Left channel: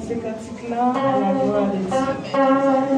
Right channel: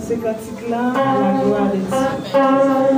ces cantiques-là à la gloire de Dieu.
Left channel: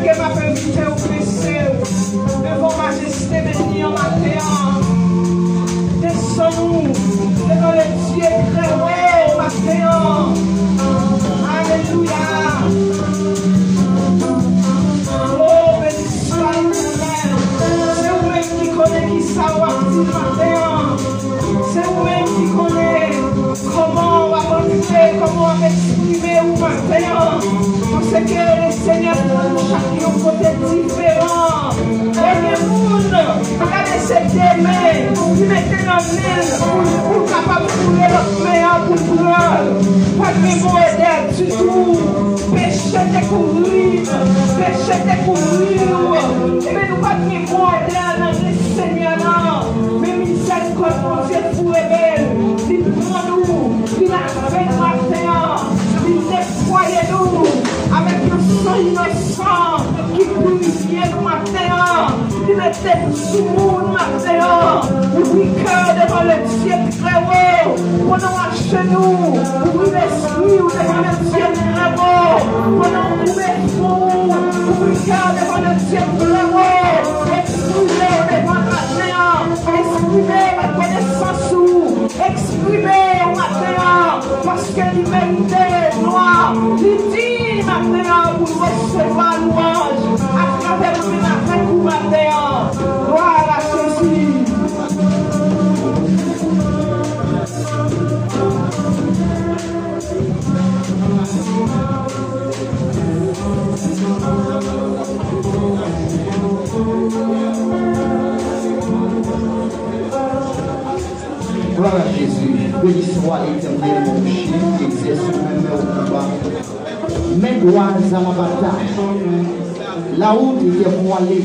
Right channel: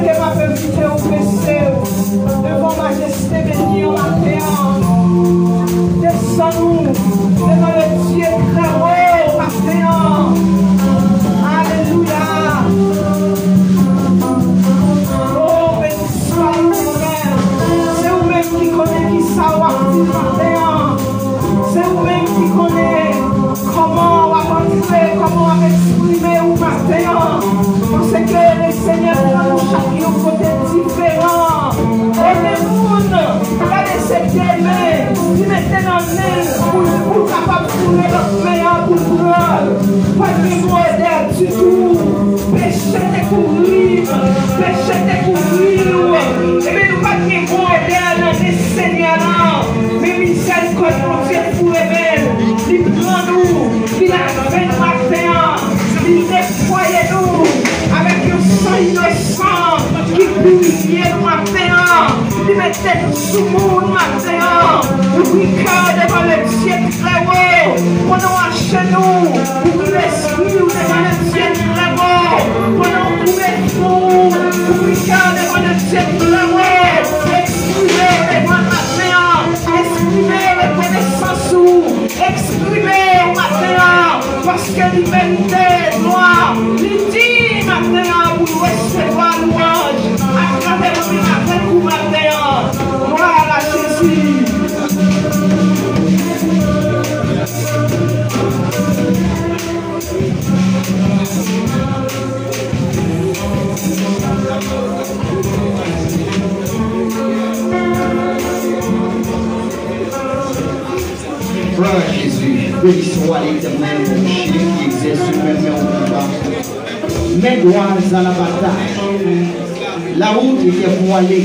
que m'a invité au PC devant majesté bénie en matin. Descends-nous devant le Dieu très haut matin. Alléluia. Oh, béni soit l'Éternel. C'est vous-même qui connaissez qui ça va matin. C'est vous-même qui connaissez comment on va montrer, comment on va exprimer au matin. Parce que le Seigneur nous chacun un côté différent. Et le monde va laisser aimer, qui mettait dans l'aile pour nous capables de trouver notre meilleur pour nous. Pas de mémoire d'air du tout. Péché découvrir, péché découvrir. Et bien nous pas de mémoire d'air dans les Seigneurs. Mais miséricorde pour Dieu pour les belles. Il prend nous, il a fait le matin, il nettoie nous avec un sang innocent qui brillait le matin, il mettait nous sous le matin, oublie cœur devant le Dieu très haut, pendant un genou, oublie l'esprit devant le Dieu très haut, pendant un coup de fou, oublie cœur devant le Dieu très haut, exprimez devant le matin, exprimez reconnaissance ou exprimez au matin, parce que l'humanité noire, il dit matin pour recevoir louange, à travers le matin ou matin, gloire à Jésus. Gloire à Jésus, béni soit l'Éternel, mon chien qui exerce même au combat. Mais gloire à la bataille. La route était pour aller.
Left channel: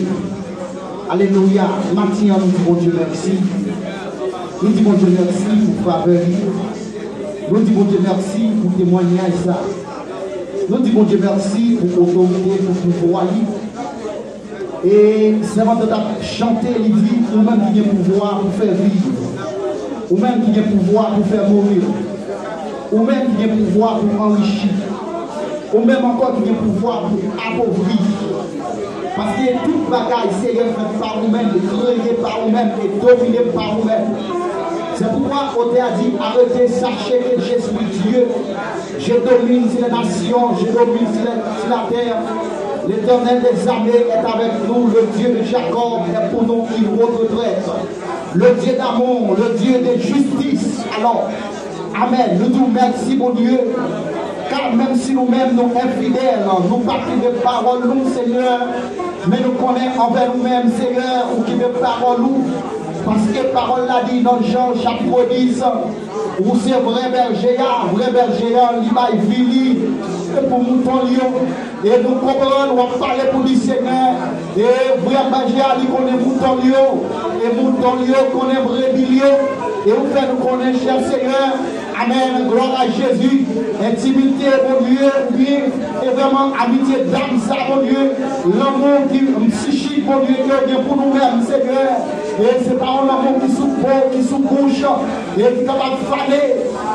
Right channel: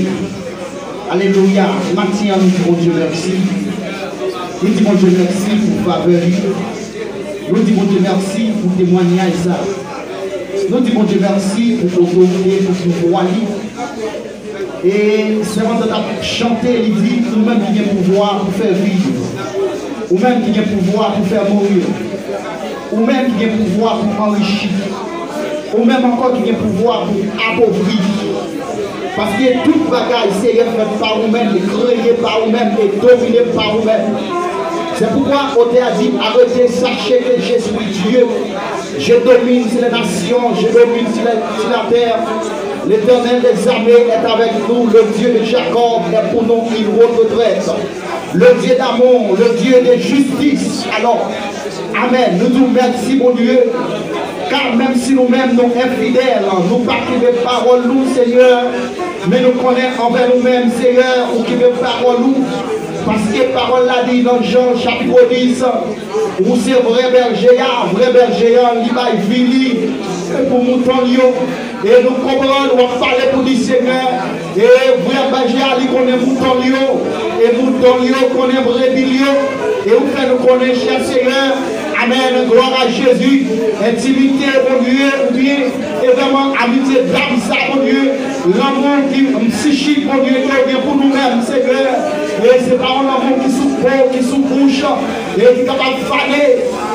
Alléluia. Matin, nous disons Dieu merci. Nous disons Dieu merci pour faveur. Nous disons Dieu merci pour témoignage ça. Nous disons Dieu merci pour autorité, pour pouvoir. Et c'est avant de chanter, il dit, ou même qui a pouvoir pour faire vivre. Ou même qui a pouvoir pour faire mourir. Ou même qui a pouvoir pour enrichir. Ou même encore qui a pouvoir pour appauvrir. Parce que toute bagaille, c'est fait par vous-même, créé par vous-même et dominé par vous-même. C'est pourquoi Othée a dit, arrêtez, sachez que je suis Dieu. Je domine sur les nations, je domine sur la terre. L'Éternel des armées est avec nous, le Dieu de Jacob est pour nous une retraite. Le Dieu d'amour, le Dieu de justice. Alors, Amen. Nous disons merci, mon Dieu. Car même si nous-mêmes nous infidèles, nous ne parlons pas de parole, nous, Seigneur, mais nous connaissons envers nous-mêmes, Seigneur, ou qui veut parole, nous. Parce que la parole l'a dit dans Jean chapitre 10, où c'est vrai berger, il va vili, et pour mouton, et nous comprenons, nous allons parler pour le Seigneur, et vrai berger, il connaît mouton, et mouton, connaît brebis, et vous faites nous connaître, cher Seigneur. Amen, gloire à Jésus, intimité, mon Dieu, bien, et vraiment amitié d'âme, ça, mon Dieu, l'amour qui psychique, mon Dieu, qui est bien pour nous-mêmes, Seigneur, et c'est pas un amour qui sous-couche, et qui est capable de faner,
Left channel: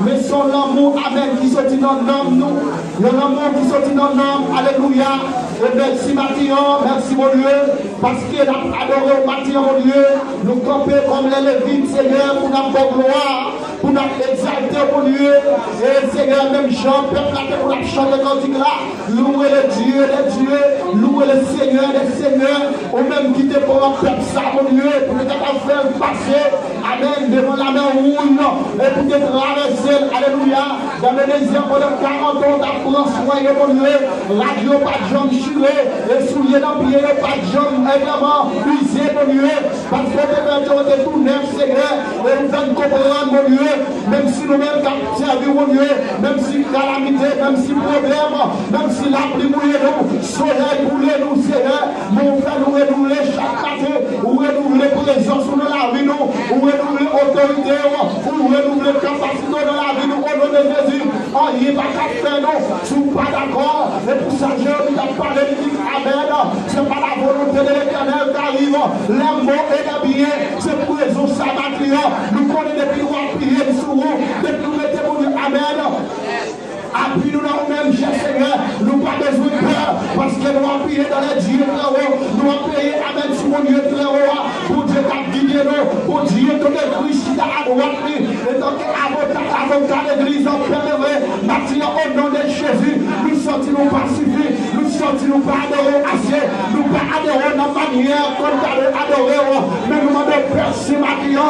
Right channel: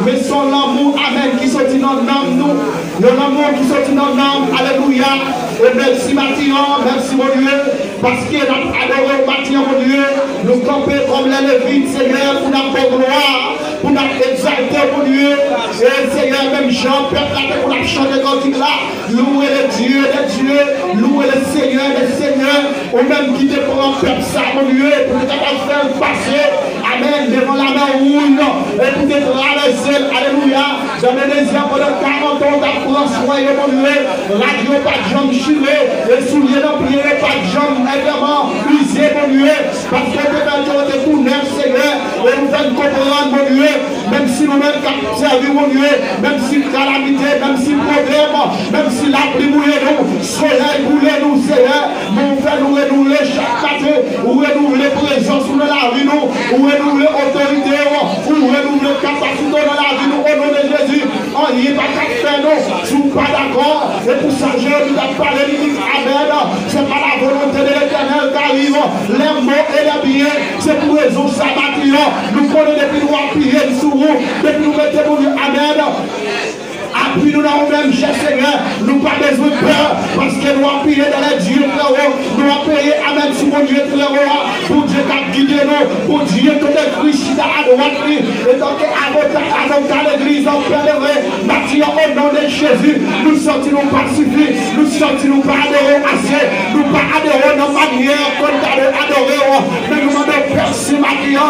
mais son amour, Amen, qui sortit dans l'âme, nous, l'amour qui sortit dans l'âme, Alléluia, et merci Mathieu, merci mon Dieu, parce qu'il a adoré au Mathieu, mon Dieu, nous camper comme les Lévites, Seigneur, pour notre bonne gloire, pour notre exalter, mon Dieu, et Seigneur, même Jean, peuple, pour la chanter cantique là, louer le Dieu des dieux, louer le Seigneur des seigneurs, ou même qui te prend un peuple ça, mon Dieu, pour te faire passer, Amen, devant la main rouge, et pour te traverser, Alléluia, j'avais des yeux pendant 40 ans d'apprendre soin, mon Dieu, radio pas de jambes churées, et souliers dans pied, pas de jambes, évidemment, usé, mon Dieu, parce que tu es tout neuf, Seigneur, et nous allons comprendre, mon Dieu, même si nous-mêmes avons servi, mon Dieu, même si calamité, même si problème, même si la pluie bouille nous, soleil bouille nous, Seigneur, nous faisons nous renouveler chaque matin, ou renouveler présence dans la vie, nous, ou renouveler autorité, ou renouveler capacité dans la vie, nous, au nom de Jésus, on n'y est pas qu'à faire, nous, si vous pas d'accord, et pour ça, j'ai envie de parler, il dit, Amen, c'est pas la volonté de l'Éternel qui arrive, les mots et les biens, c'est pour raison sabbatique, nous connaissons depuis nous appuyer sur vous, depuis nous mettez pour dire Amen. Appuie-nous dans nous-mêmes, cher Seigneur, nous pas besoin de peur, parce que nous appuyons dans les dieux mon Dieu, très haut, pour Dieu qui guide nous, pour Dieu que le Christ à droite, et donc avocat l'église en pèlerin, Matthieu, au nom de Jésus, nous sortirons pacifiques, nous sortirons pas adorer assez, nous pas adorer dans la manière qu'on t'a adoré, mais nous demandons merci Matthieu,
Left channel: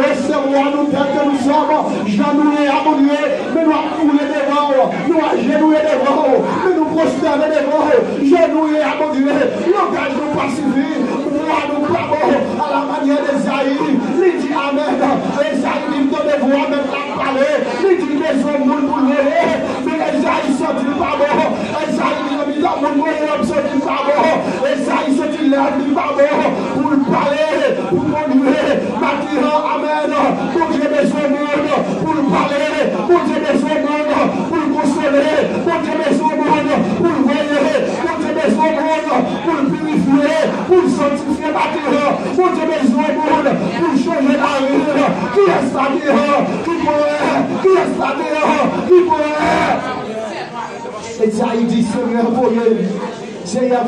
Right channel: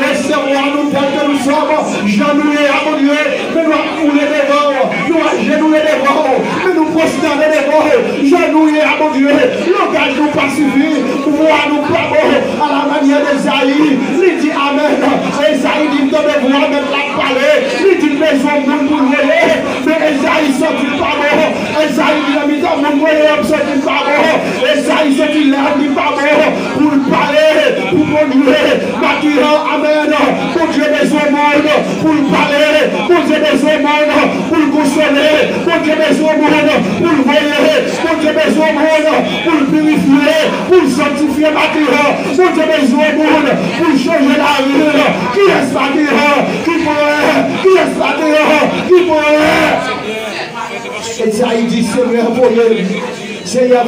recevons-nous tel que nous sommes, genouillés à mon Dieu, nous couler des rangs, nous agenouiller des rangs, nous prosterner des rangs, genouiller à mon Dieu, langage nous pacifie, voir nous bravo à la manière d'Esaïe, il dit Amen, Esaïe dit de devoir même la parler, il dit maison moun pour voler, mais Esaïe sortit pas bon, Esaïe dit la mise à mon moyen, sortit pas bon, Esaïe sortit là, dit pas bon, pour parler, pour conduire, Matthieu, Amen, pour Dieu besoin monde, pour parler, pour Dieu besoin monde, pour consoler, pour Dieu besoin monde, pour voyer, pour Dieu besoin monde, pour purifier, pour sanctifier Matthieu, pour Dieu besoin monde, pour changer la rue, qui est Matthieu, qui est Matthieu, qui pourrait. Et ça, il dit, Seigneur, Seigneur,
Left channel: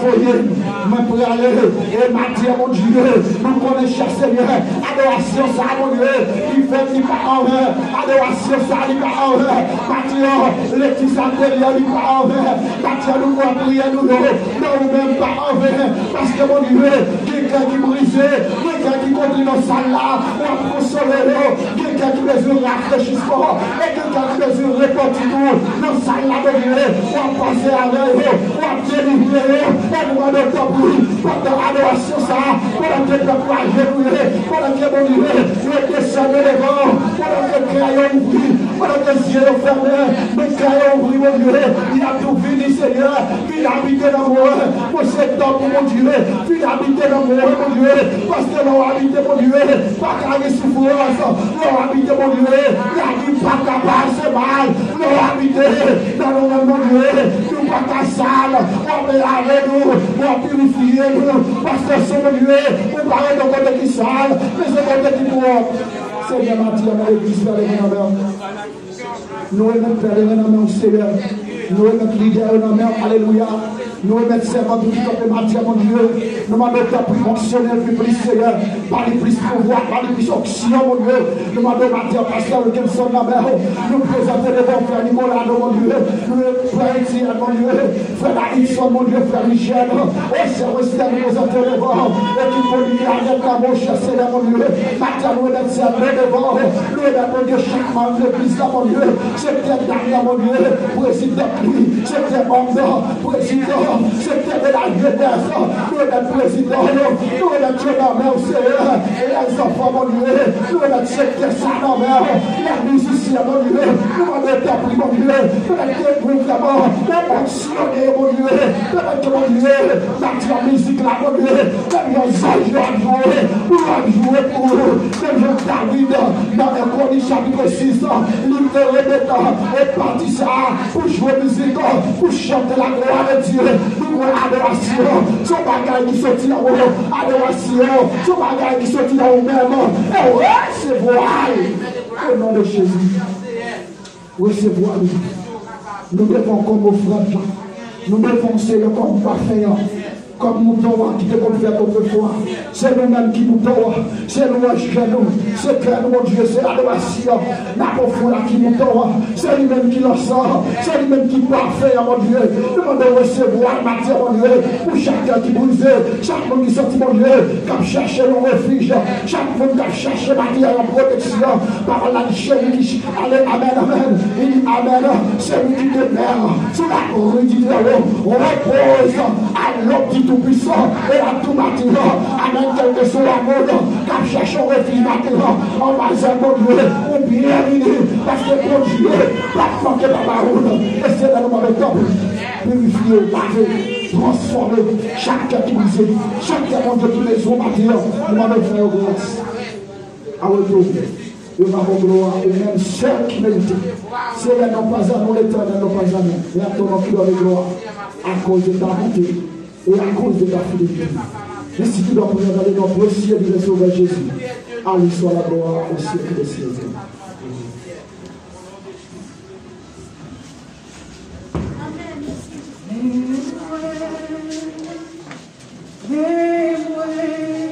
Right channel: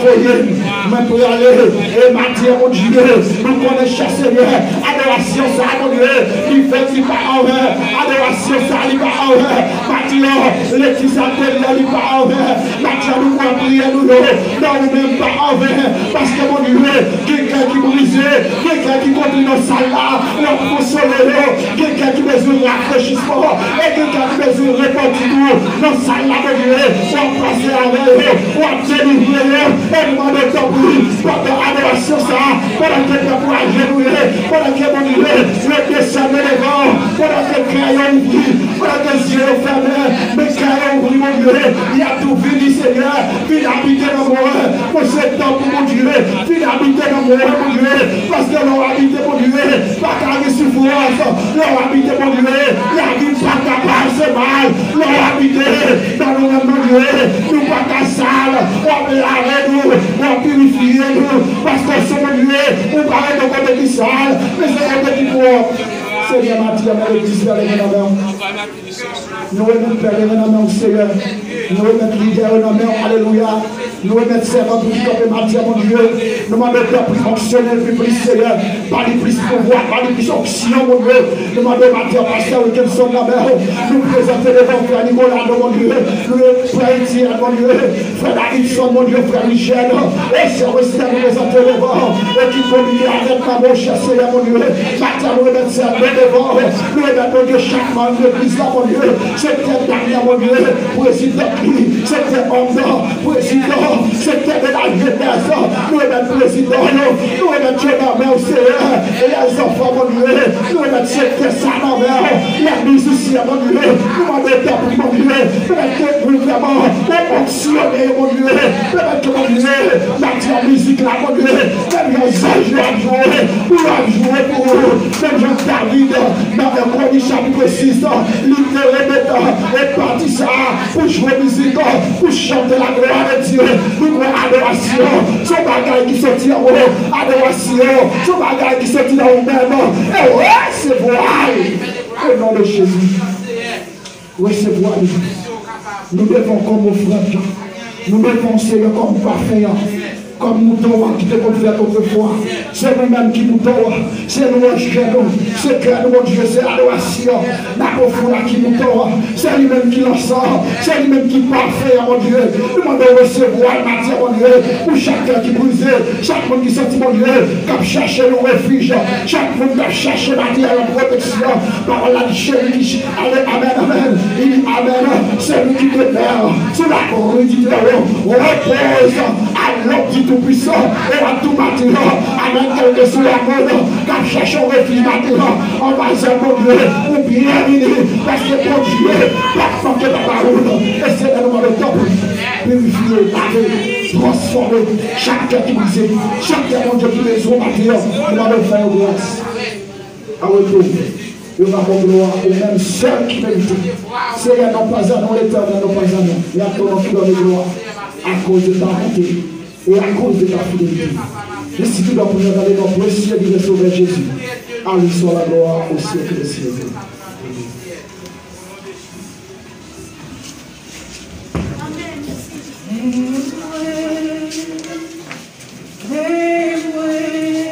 mais pour aller, et Matthieu, mon Dieu, nous connaissons, Seigneur, adoration, ça, mon Dieu, il fait qu'il pas en vain, adoration, ça, il pas en vain, Matthieu, les petits appels, il pas en vain, Matthieu, nous pouvons prier, nous, non, même pas en vain, parce que, mon Dieu, quelqu'un qui brisait, quelqu'un qui continue dans sa là, on consoler, quelqu'un qui besoin de rafraîchissement, et quelqu'un qui besoin de repentir, dans sa là, mon Dieu, on passe avec eux, on délivrer. Et nous demandons temps pour lui, pendant l'adoration, ça, pendant que le peuple a genouillé, pendant que mon Dieu, le descend les vents, pendant que le crayon ouvrit, pendant que les yeux sont fermés, mais le crayon ouvrit, mon Dieu, il a tout fini, Seigneur, il a habité dans mon rêve, pour ce temps, mon Dieu, il a habité dans mon rêve, mon Dieu, parce que l'on a habité, mon Dieu, pas qu'à les souffrances, l'on a habité, mon Dieu, il a dit pas capable, c'est mal, l'on a habité dans nos rêves, mon Dieu, nous pas qu'à sale, on veut la nous, on purifie nous, parce que c'est mon Dieu, on parle de côté qui sale, mais c'est côté qui pour. Seigneur Matthieu, mais l'église, nous remettons Père et nous Seigneur, nous remettons leader et nous alléluia, nous remettons servant pour comme Matthieu, mon Dieu, nous demandons plus fonctionnel, plus Seigneur, pas de plus pouvoir, pas de plus option, mon Dieu, nous demandons Matthieu, pasteur Wilkinson, la mère, nous présenter devant Frère Nicolas, mon Dieu, nous Frère Étienne, mon Dieu, Frère Davidson, mon Dieu, Frère Michel, et c'est aussi à nous présenter devant, et qui peut lier avec la mon cher Seigneur, mon Dieu, Matthieu, nous remettons ça devant, nous remettons, mon Dieu, chaque membre de l'église, mon Dieu, c'était dans mon Dieu, président, c'était homme, président, c'était de la jeunesse, nous remettons président, nous remettons la main au Seigneur, et les enfants, mon Dieu, nous remettons c'était ça dans la main, les musiciens, mon Dieu, nous remettons, mon Dieu, remettons vraiment, les fonctionnaires, mon Dieu, remettons, mon Dieu, la musique là, mon Dieu, les anges à jouer, pour jouer pour eux, même Jean David, dans le premier chapitre 6, il te remettant et parti ça pour jouer musique, pour chanter la gloire de Dieu, pour adoration, son bagage qui sortit en vous, adoration, son bagage qui sortit dans vous-même, et recevoir, au nom de Jésus, recevoir, nous devons comme offrande, nous devons Seigneur comme parfait. Comme nous t'avons qui te confère autrefois, c'est nous-mêmes qui nous t'avons, c'est nous qui nous, c'est que mon Dieu, c'est l'adoration, la profonde qui nous t'avons, c'est lui-même qui lance, c'est lui-même qui parfait, mon Dieu. Nous devons recevoir la matière, mon Dieu, pour chacun qui brise, chaque monde qui sortit, mon Dieu, qui a cherché nos refuges, chaque monde qui a cherché matière en protection, par la chaîne qui allez, amen, amen, il dit amen, c'est lui qui demeure, c'est la rue du Dieu, repose à l'ordre tout-puissant et à tout bâtiment, amen, quel que soit la mode, car cherche un refuge bâtiment, en bas mon Dieu, ou bien unis, parce que mon Dieu, pas manquer dans la route, et c'est le nom de temps, purifier, laver, transformer, chacun qui brise, chacun, mon Dieu, tous les jours bâtiments, nous m'avons fait grâce, à retrouver. Nous avons gloire au même seul qui mérite. Seigneur, non pas à nous l'éternel, non pas à nous, mais à ton nom qui donne gloire, à cause de ta bonté. Et à cause de ta fidélité, merci de nous donner notre précieux de sauver Jésus. À lui soit la gloire au siècle des siècles. Amen.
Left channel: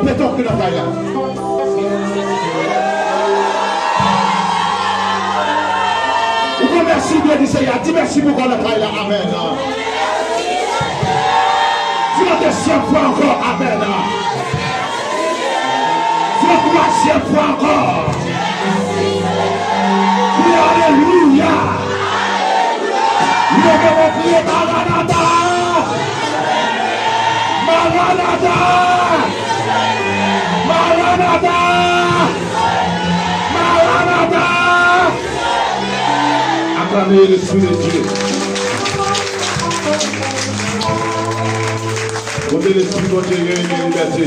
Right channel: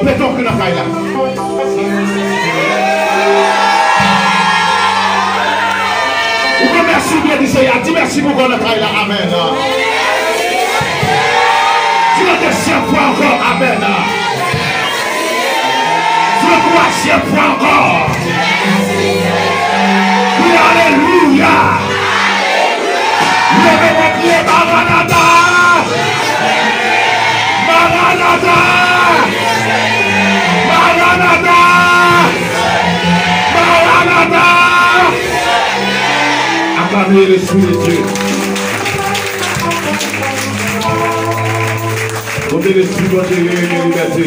On peut donc la faille là. Merci bien dit ça. Dis merci pour qu'on a faille là. Amen. Tu le deuxième fois encore. Amen. Tu le troisième fois encore. Oui, alléluia. Levez vos pieds, Maranatha. Maranatha. Maranatha. Maranatha. Acclamez l'Esprit de Dieu. Montez l'Esprit de Dieu et liberté.